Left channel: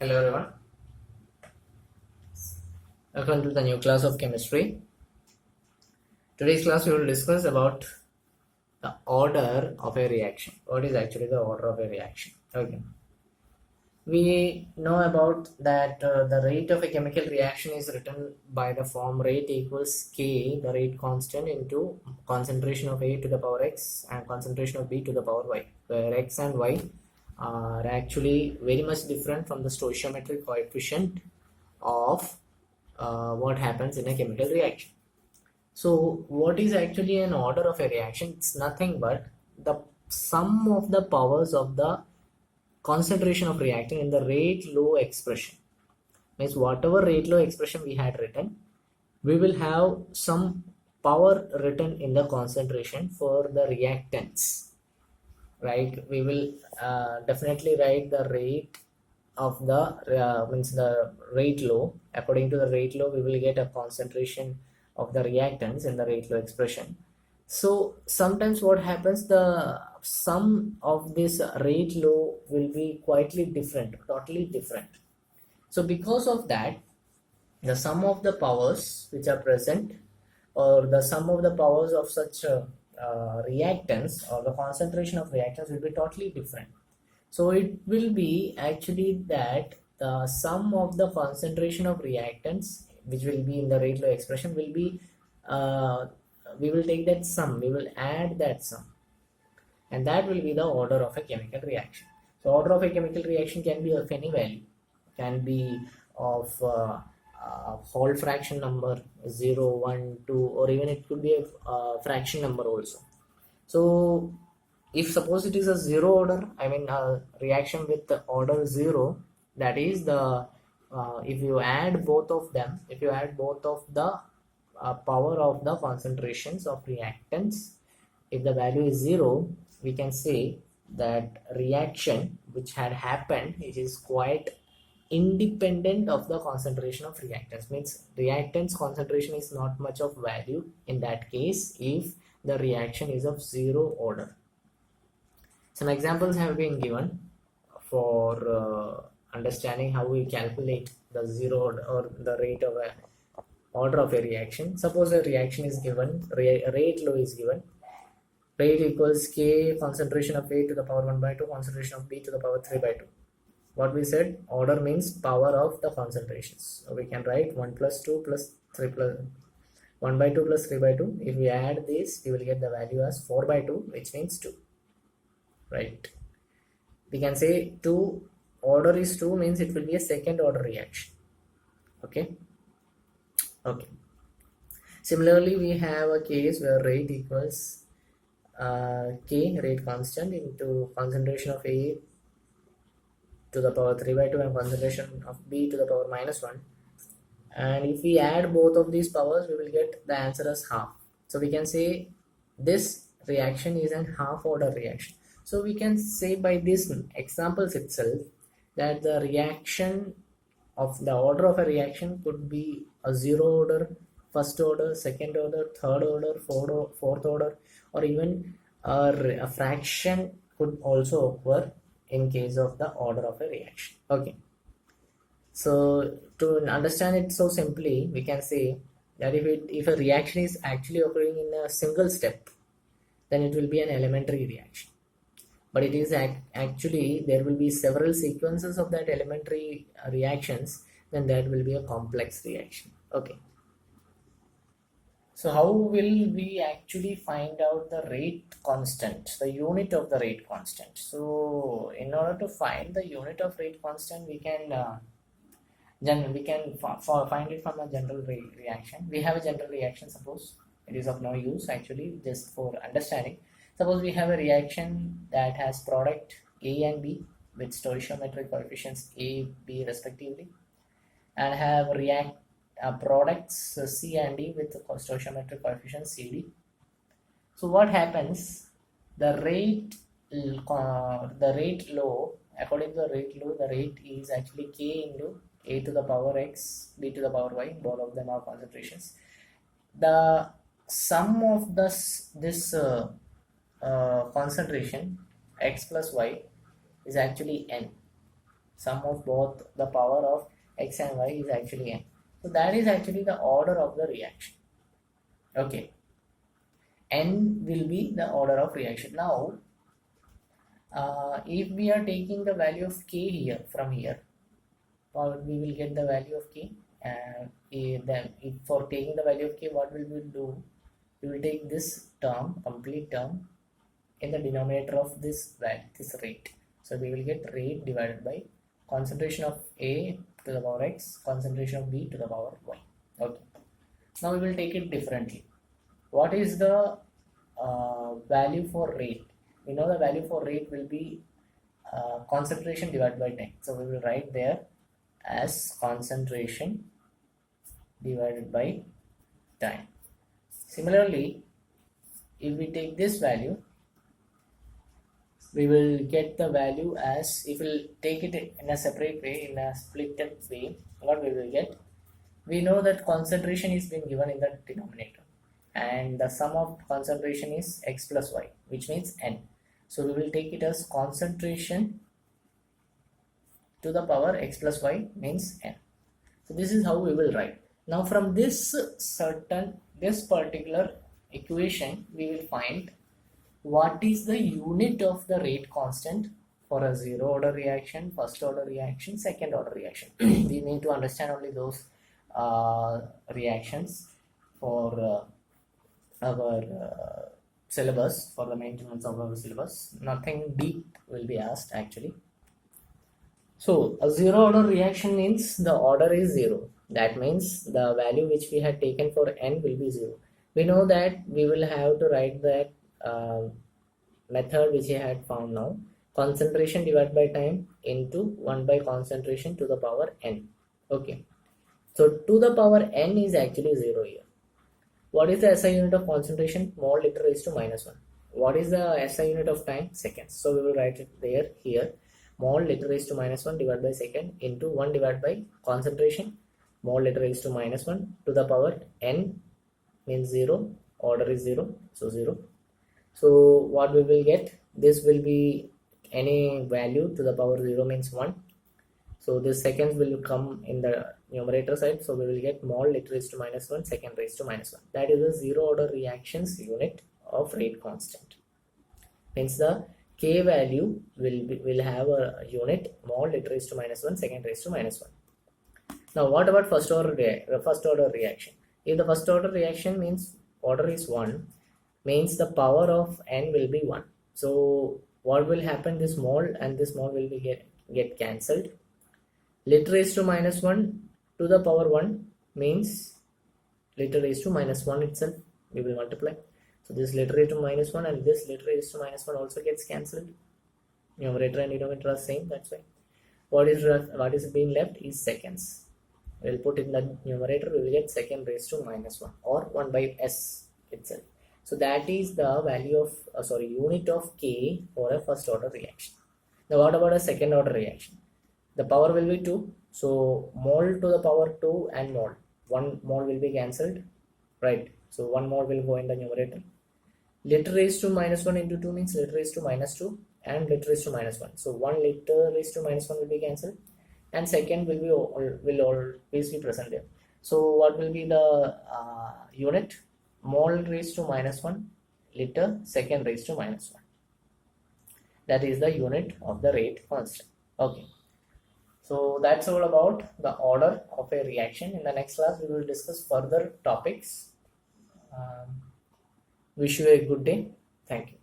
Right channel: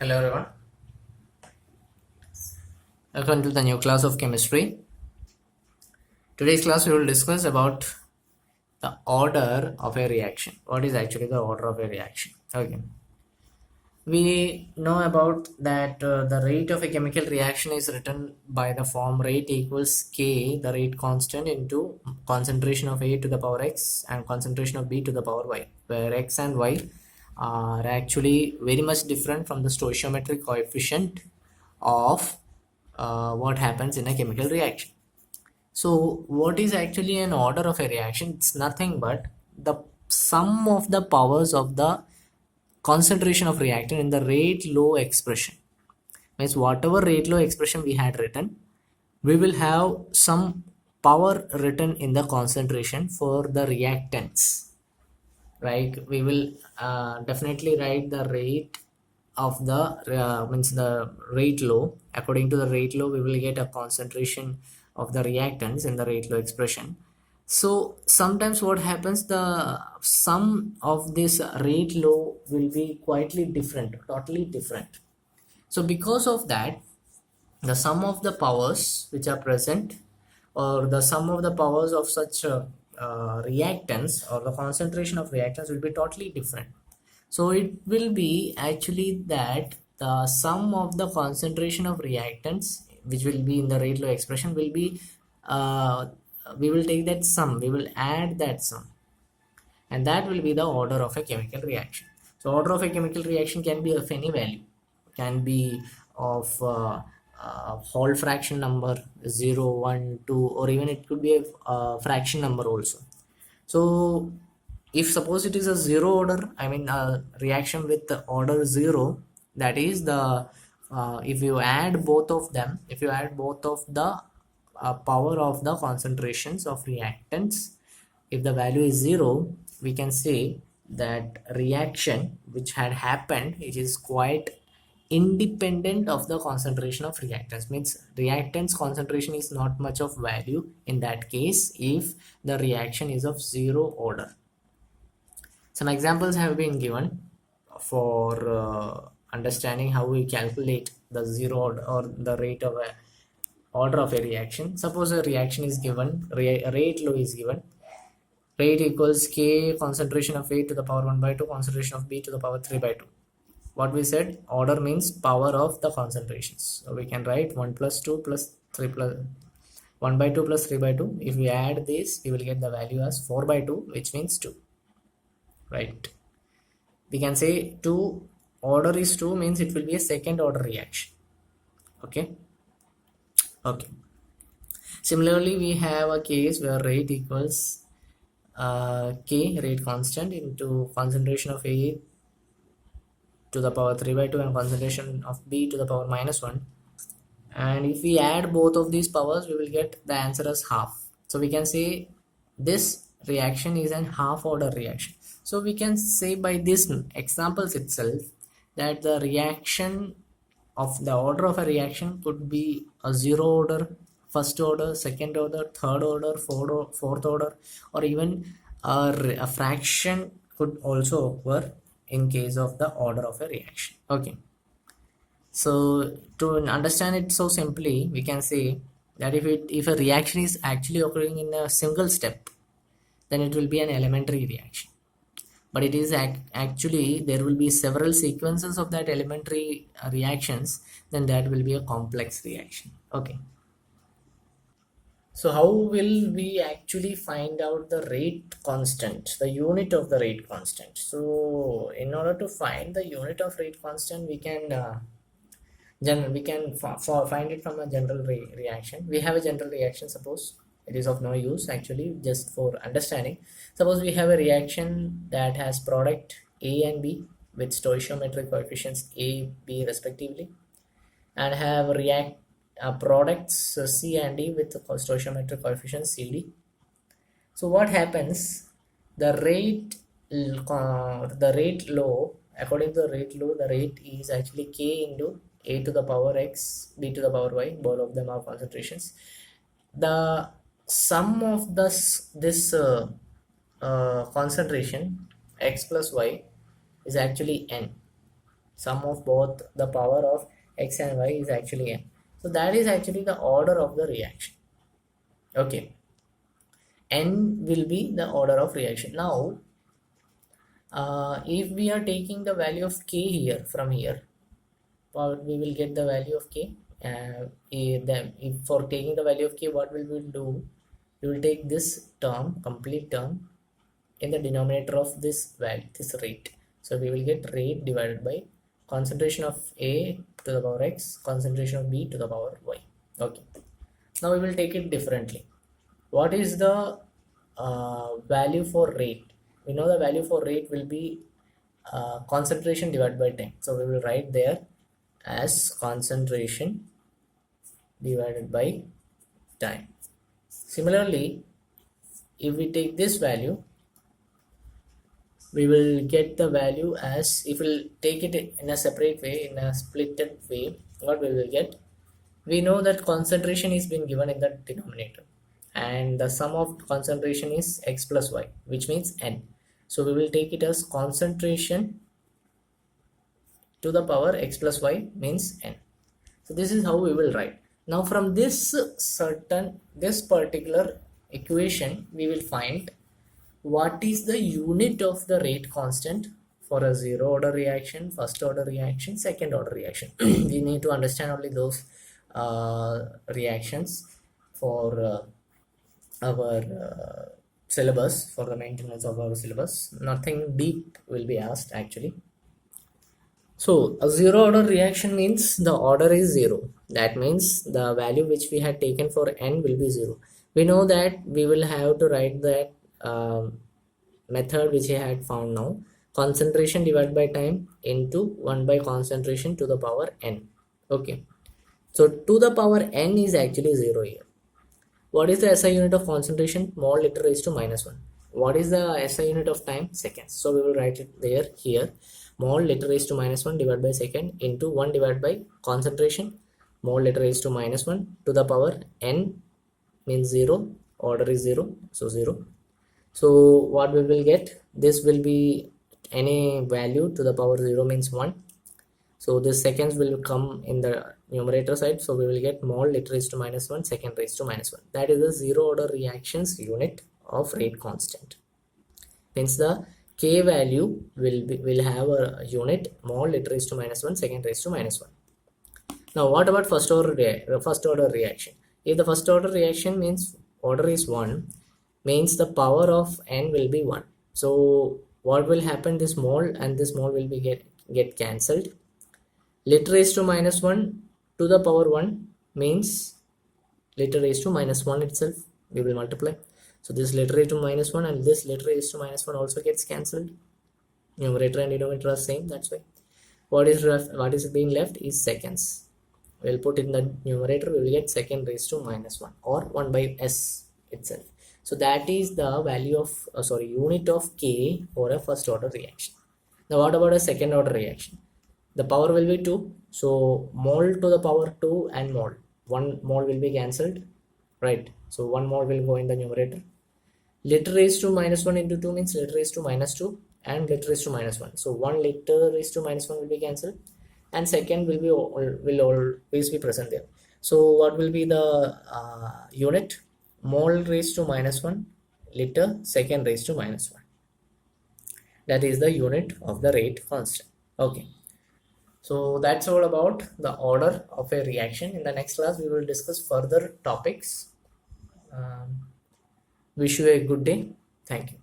Hello everyone, welcome to the new class of chemistry. Today's class we will discuss about the order of a reaction. What is actually the order of a reaction? Okay. We know about that the rate of a chemical reaction is written by the form rate equals K, the rate constant, into concentration of A to the power X and concentration of B to the power Y, where X and Y are actually very much different from the stoichiometric coefficient of what happens in a chemical reaction. So what is actually an order of a reaction? It's nothing but the sum of the powers of the concentration of reactant in the rate law expression. Means whatever rate law expression we had written, we will have some power written in the concentration for the reactants. Right? We will definitely write the rate of the means the rate law. According to the rate law, we will get a concentration of the reactants in the rate law expression. So sometimes what happens, the sum of this rate law will be quietly different, totally different. So because of that, the sum of the powers which are present, or the sum of the powers of such reactants, or the concentration of reactants, will be totally different. So it will be actually that the sum of the concentration of reactants, which will be in the rate law expression, will be uh, we will take that sum, we will add that sum, and that will be the order of a chemical reaction. So order of a chemical reaction can be of any value, can be of whole fraction number 0, 1, 2, or even it could be a fraction number also. So if suppose it is a zero order, I mean a reaction with the order 0, that is the if you add both of them, if you add both of the power of the concentrations of reactants, if the value is 0, we can say that reaction which had happened, it is quite independent of the concentration of reactants. Means reactants concentration is not much of value in that case if the reaction is of 0 order. Some examples have been given for understanding how we calculate the 0 order, or the rate of a order of a reaction. Suppose a reaction is given, rate law is given, rate equals K concentration of A to the power 1 by 2, concentration of B to the power 3 by 2. What we said, order means power of the concentrations. So we can write 1 plus 2 plus 3 plus 1 by 2 plus 3 by 2. If we add this, we will get the value as 4 by 2, which means 2. Right? We can say 2, order is 2, means it will be a second order reaction. Okay. Okay. Similarly, we have a case where rate equals K, rate constant, into concentration of A to the power 3 by 2 and concentration of B to the power minus 1. And if we add both of these powers, we will get the answer as half. So we can say this reaction is an half order reaction. So we can say by this examples itself that the reaction of the order of a reaction could be a 0 order, first order, second order, third order, fourth order, or even a fraction could also occur in case of the order of a reaction. Okay. So to understand it so simply, we can say that if a reaction is actually occurring in a single step, then it will be an elementary reaction. But it is actually there will be several sequences of that elementary reactions, then that will be a complex reaction. Okay. So how will we actually find out the rate constant, the unit of the rate constant? So in order to find the unit of rate constant, we can find it from a general reaction. We have a general reaction, suppose it is of no use actually, just for understanding. Suppose we have a reaction that has product A and B with stoichiometric coefficients A, B respectively, and have react products C and D with stoichiometric coefficients CD. So what happens, the rate law, according to the rate law, the rate is actually K into A to the power X, B to the power Y, both of them are concentrations. The sum of this concentration X plus Y is actually N. Sum of both the power of x and y is actually n. So that is actually the order of the reaction. Okay, n will be the order of reaction. Now if we are taking the value of k here from here, we will get the value of k. Then if for taking the value of k, what will we do? We will take this term, complete term, in the denominator of this value, this rate. So we will get rate divided by concentration of A to the power x, concentration of B to the power y. Okay, now we will take it differently. What is the value for rate? We know the value for rate will be concentration divided by time. So we will write there as concentration divided by time. Similarly, if we take this value, we will get the value as, if we'll take it in a separate way, in a splitted way, what we will get? We know that concentration is being given in the denominator, and the sum of concentration is x plus y, which means n. So we will take it as concentration to the power x plus y means n. So this is how we will write. Now from this particular equation, we will find what is the unit of the rate constant for a zero order reaction, first order reaction, second order reaction. We need to understand only those reactions for our syllabus, for the maintenance of our syllabus. Nothing deep will be asked actually. So a zero order reaction means the order is zero. That means the value which we had taken for n will be zero. We know that we will have to write that method which I had found now, concentration divided by time into 1 by concentration to the power n. Okay, so to the power n is actually 0 here. What is the SI unit of concentration? Mole liter raised to minus 1. What is the SI unit of time? Seconds. So we will write it there here. Mole liter raised to minus 1 divided by second into 1 divided by concentration, mole liter raised to minus 1 to the power n means 0. Order is 0. So 0. So what we will get? This will be any value to the power 0 means 1. So this seconds will come in the numerator side. So we will get mole liter raised to minus 1, second raised to minus 1. That is the zero order reactions unit of rate constant. Means the k value will have a unit, mole liter raised to minus 1, second raised to minus 1. Now what about first order reaction? If the first order reaction means order is 1, means the power of n will be 1. So what will happen? This mole and this mole will be get cancelled. Liter raised to minus 1 to the power 1 means liter raised to minus 1 itself. We will multiply. So this liter raised to minus 1 and this liter raised to minus 1 also gets cancelled. Numerator and denominator are same. That's why what is being left is seconds. We will put in the numerator. We will get second raised to minus 1 or 1 by s itself. So that is the value of unit of k for a first order reaction. Now what about a second order reaction? The power will be 2. So mole to the power 2 and mole. 1 mole will be cancelled, right? So 1 mole will go in the numerator. Liter raised to minus 1 into 2 means liter raised to minus 2 and liter raised to minus 1. So 1 liter raised to minus 1 will be cancelled and second will always be present there. So what will be the unit? Mole raised to minus 1 liter, second raised to minus 1. That is the unit of the rate constant. Okay. So that's all about the order of a reaction. In the next class, we will discuss further topics. Wish you a good day. Thank you.